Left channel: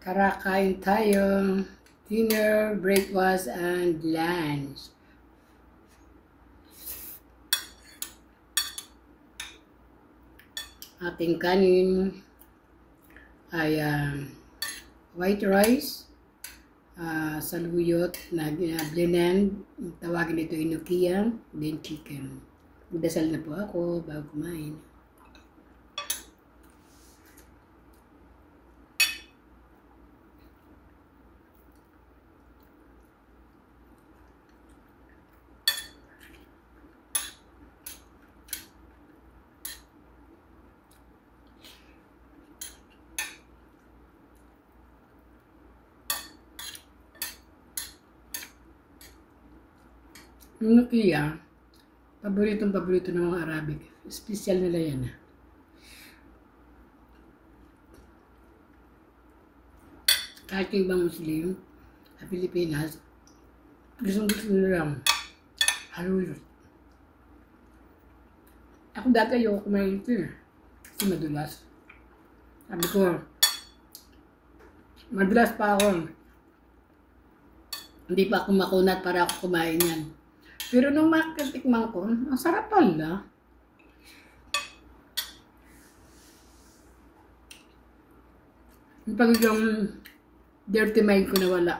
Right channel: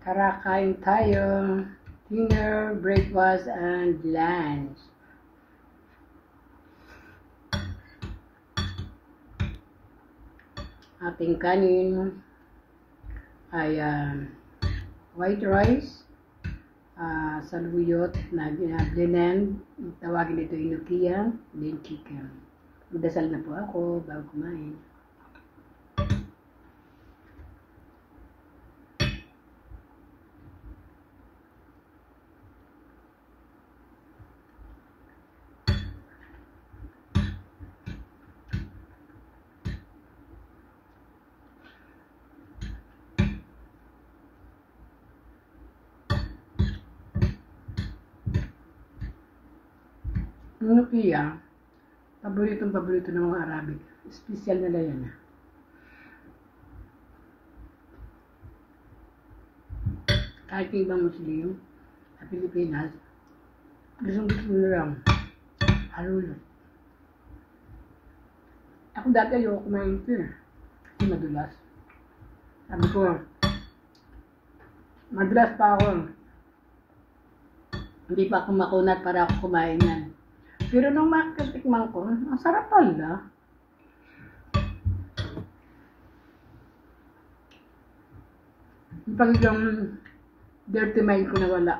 Tara, kain tayo. Dinner, breakfast, and lunch. Ating kanin ay white rice, saluyot na blend, tawagin ito inukiya, then chicken. Magdasal na po ako bago kumain. Inukiya, paborito ng mga Arabic. Special nila yan. Kahit yung ibang Muslim sa Pilipinas, gusto nila lang haluyot. Ako dati ayoko kumain ito kasi madulas. Sabi ko, madulas pa ako. Hindi pa ako makunat para ako kumain yan. Pero nung makatikman ko, ang sarap pala. Yung pagiging dirty mind ko nawala.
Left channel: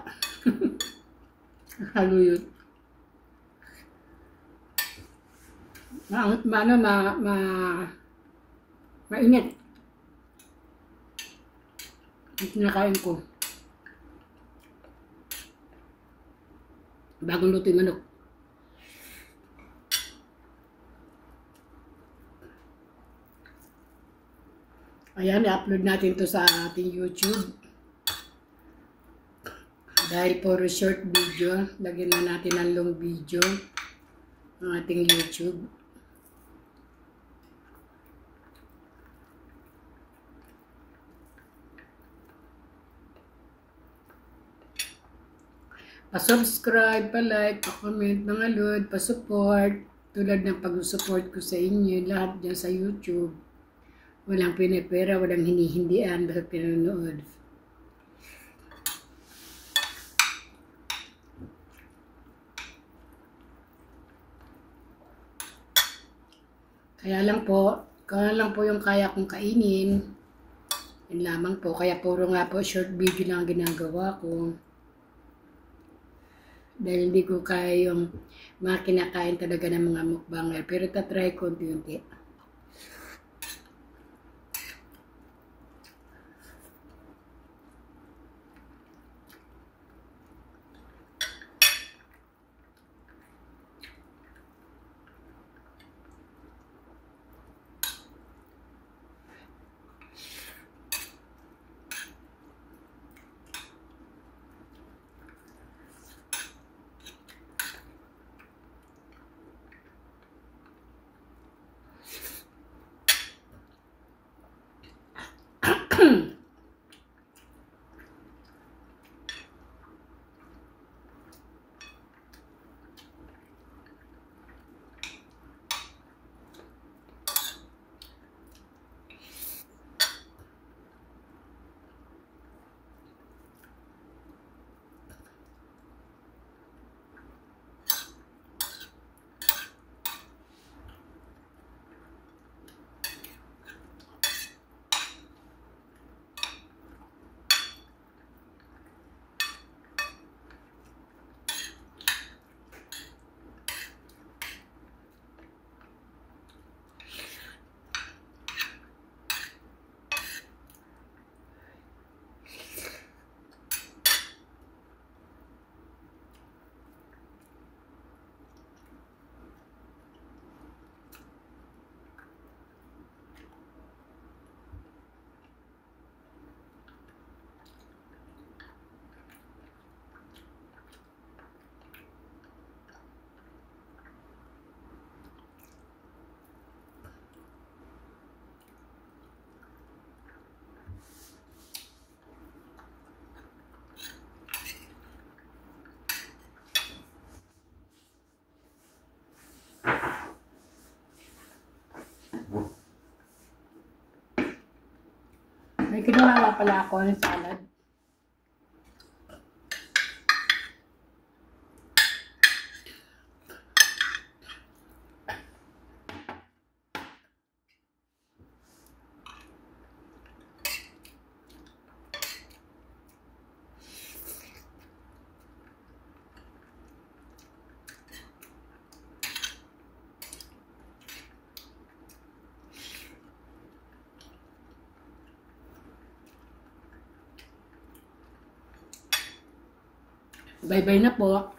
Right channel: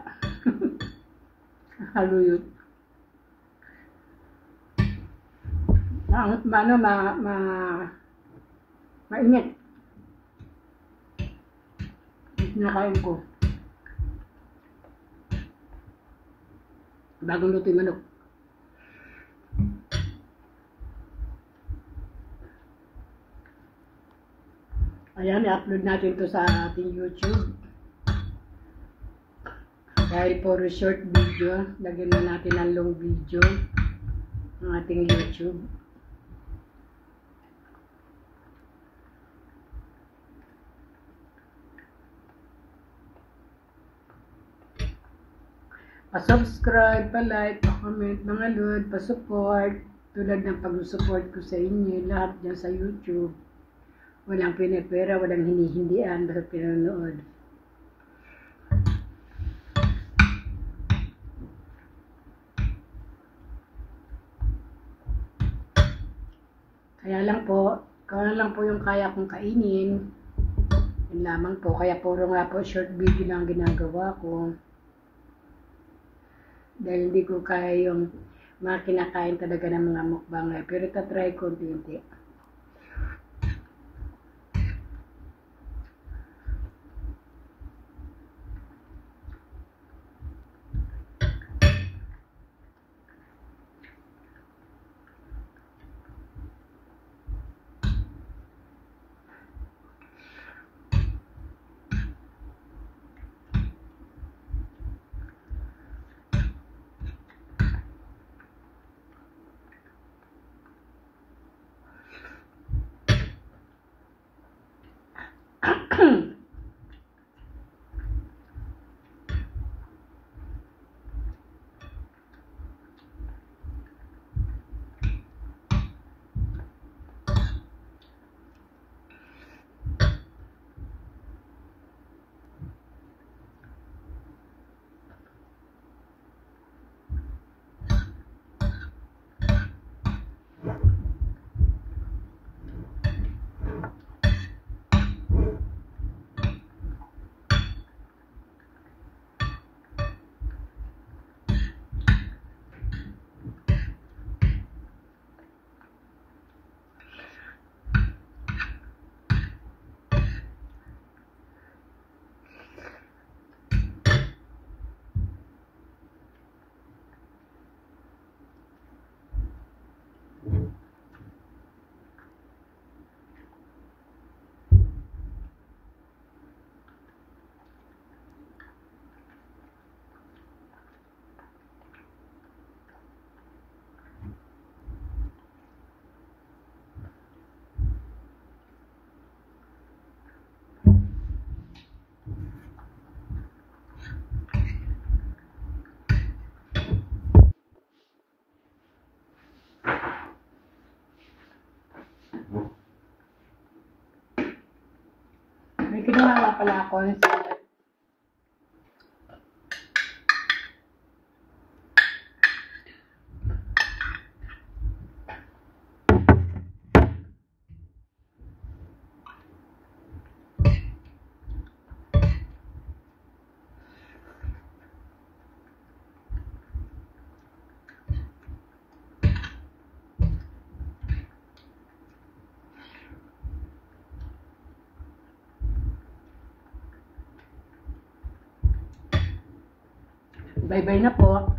Haluyot. Mainit. Kinakain ko. Bagong luto yung manok. Ayan, i-upload natin to sa ating YouTube. Dahil puro short video, lagyan na natin ang long video ng ating YouTube. Pa-subscribe, pa-like, pa-comment mga lod, pa-support. Tulad ng pag-support ko sa inyo, lahat dyan sa YouTube. Walang pinipera, walang hinihindian, basta pinanood. Kaya lang po yung kaya kong kainin. Yun lamang po, kaya puro nga po short video lang ginagawa ko. Dahil hindi ko kaya yung mga kinakain talaga ng mga mukbanger. Pero tatry ko unti-unti. May ginawa pala ako ng salad. Bye-bye na po.